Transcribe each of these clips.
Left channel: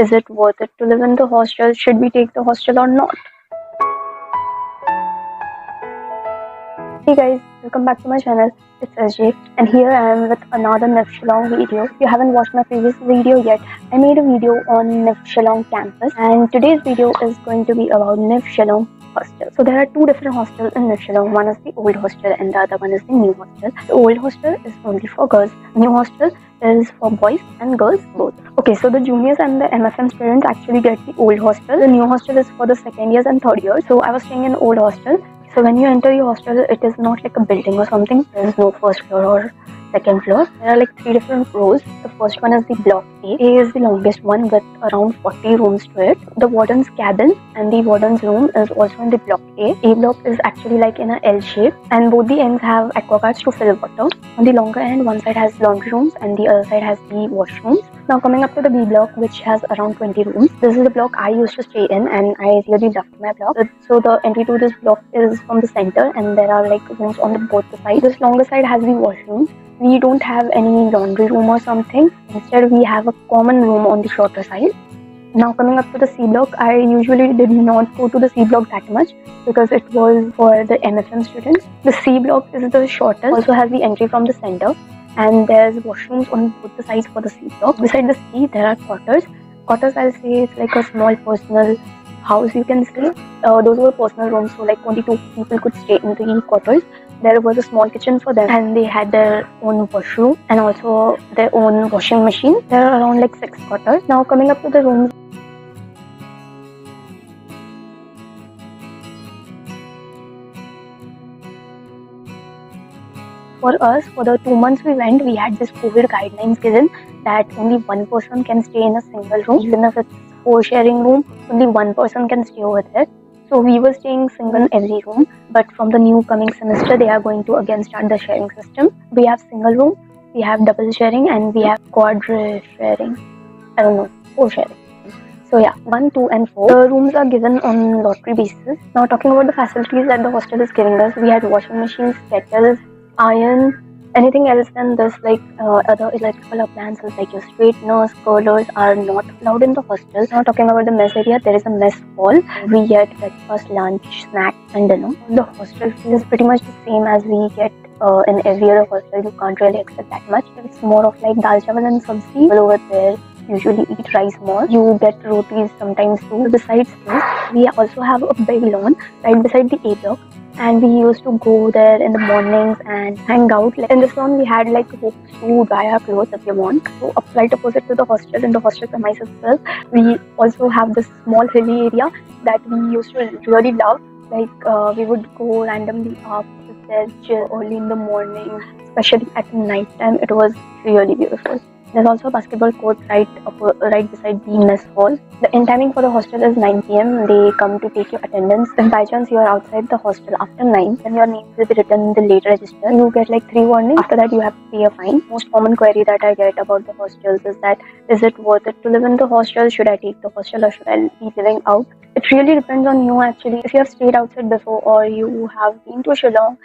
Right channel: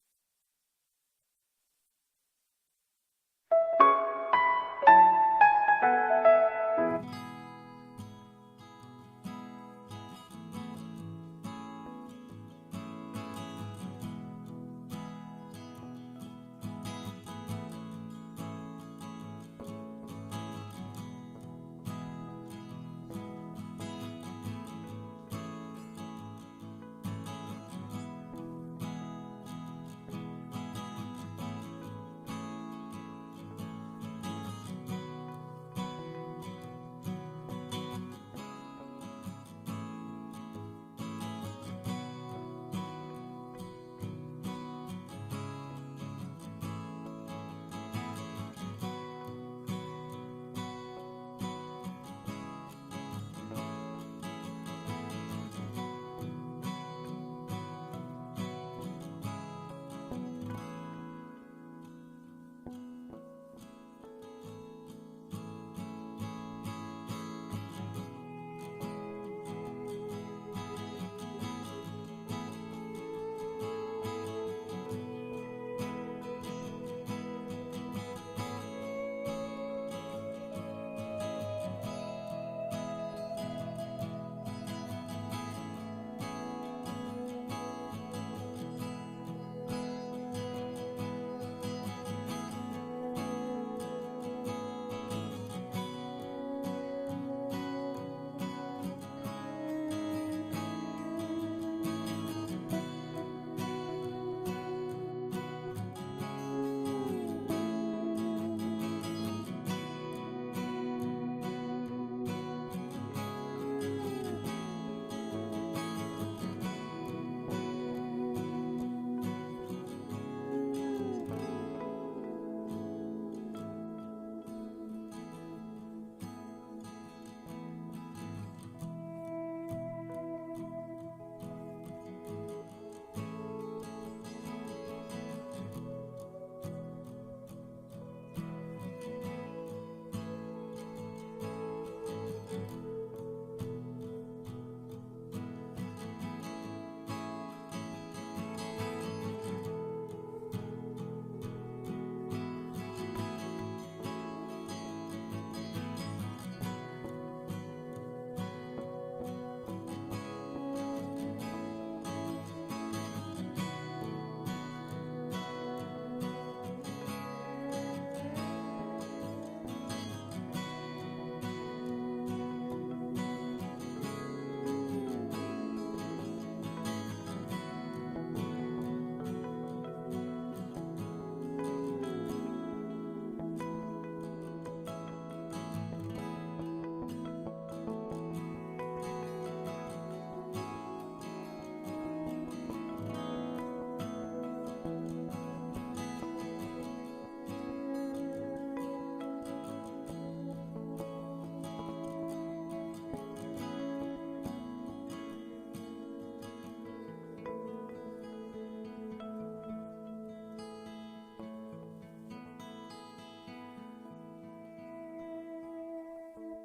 is it worth it to live in the hostel? Should we take the hostel or not? Hey guys, welcome back to my channel. It's SJ and here I am with another NIFT Shillong video. If you haven't watched my previous video yet, I made a video on NIFT Shillong campus and today's video is going to be about NIFT Shillong hostel. So there are two different hostels in NIFT Shillong. One is the Old Hostel and the other one is the New Hostel. The Old Hostel is only for girls. The New Hostel is for boys and girls both. Okay, so the juniors and the MFM students actually get the Old Hostel. The New Hostel is for the second years and third years. So I was staying in Old Hostel. So when you enter the hostel, it is not like a building or something. There is no first floor or second floor. There are like three different rows. The first one is the block A. A is the longest one with around 40 rooms to it. The warden's cabin and the warden's room is also in the block A. A block is actually like in a L shape and both the ends have aquaguards to fill water. On the longer end, one side has laundry rooms and the other side has the washrooms. Now coming up to the B block, which has around 20 rooms. This is the block I used to stay in and I really loved my block. So the entry to this block is from the center and there are like rooms on the both the sides. This longer side has the washroom. We don't have any laundry room or something. Instead, we have a common room on the shorter side. Now coming up to the C block, I usually did not go to the C block that much because it was for the MFM students. The C block is the shortest, also has the entry from the center and there's washrooms on both the sides for the C block. Beside the C, there are quarters. Quarters, I'll say it's like a small personal house, you can say. Those were personal rooms, so like 22 people could stay in the quarters. There was a small kitchen for them and they had their own washroom and also their own washing machine. There are around like 6 quarters. Now coming up to the rooms. For us, for the 2 months we went, we had this COVID guidelines given that only one person can stay in a single room. Even if it's 4 sharing room, only one person can stay over there. So we were staying single in every room, but from the new coming semester, they are going to again start the sharing system. We have single room, we have double sharing, and we have quadra sharing. I don't know, 4 sharing. So yeah, 1, 2, and 4. The rooms are given on lottery basis. Now talking about the facilities that the hostel is giving us, we had washing machines, kettles, iron. Anything else than this, like other electrical appliances like your straighteners, curlers are not allowed in the hostel. Now talking about the mess area, there is a mess hall. We get breakfast, lunch, snack and dinner. The hostel fee is pretty much the same as we get in every other hostel. You can't really expect that much. It's more of like dal chawal and sabzi. People over there usually eat rice more. You get rotis sometimes too. Besides this, we also have a big lawn right beside the A block. And we used to go there in the mornings and hang out. Like in this lawn, we had like hooks to dry our clothes if you want. So right opposite to the hostel, in the hostel premises itself, we also have this small hilly area that we used to really love. Like we would go randomly up there, chill early in the morning, especially at night time. It was really beautiful. There's also a basketball court right beside the mess hall. The end timing for the hostel is 9 PM. They come to take your attendance. If by chance you are outside the hostel after 9, then your name will be written in the late register. You get like 3 warnings. After that, you have to pay a fine. Most common query that I get about the hostels is that, is it worth it to live in the hostel? Should I take the hostel or should I be living out? It really depends on you actually. If you have stayed outside before or you have been to Shillong,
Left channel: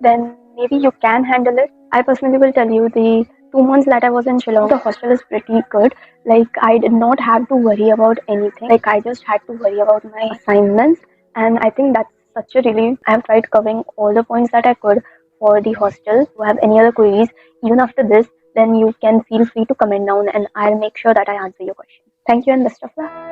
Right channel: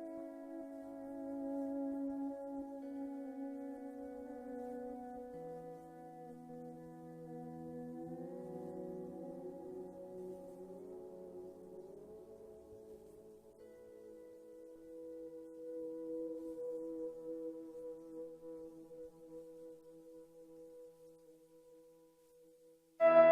then maybe you can handle it. I personally will tell you, the 2 months that I was in Shillong, the hostel is pretty good. Like I did not have to worry about anything. Like I just had to worry about my assignments, and I think that's such a relief. I have tried covering all the points that I could for the hostel. If you have any other queries, even after this, then you can feel free to comment down and I'll make sure that I answer your question. Thank you and best of luck.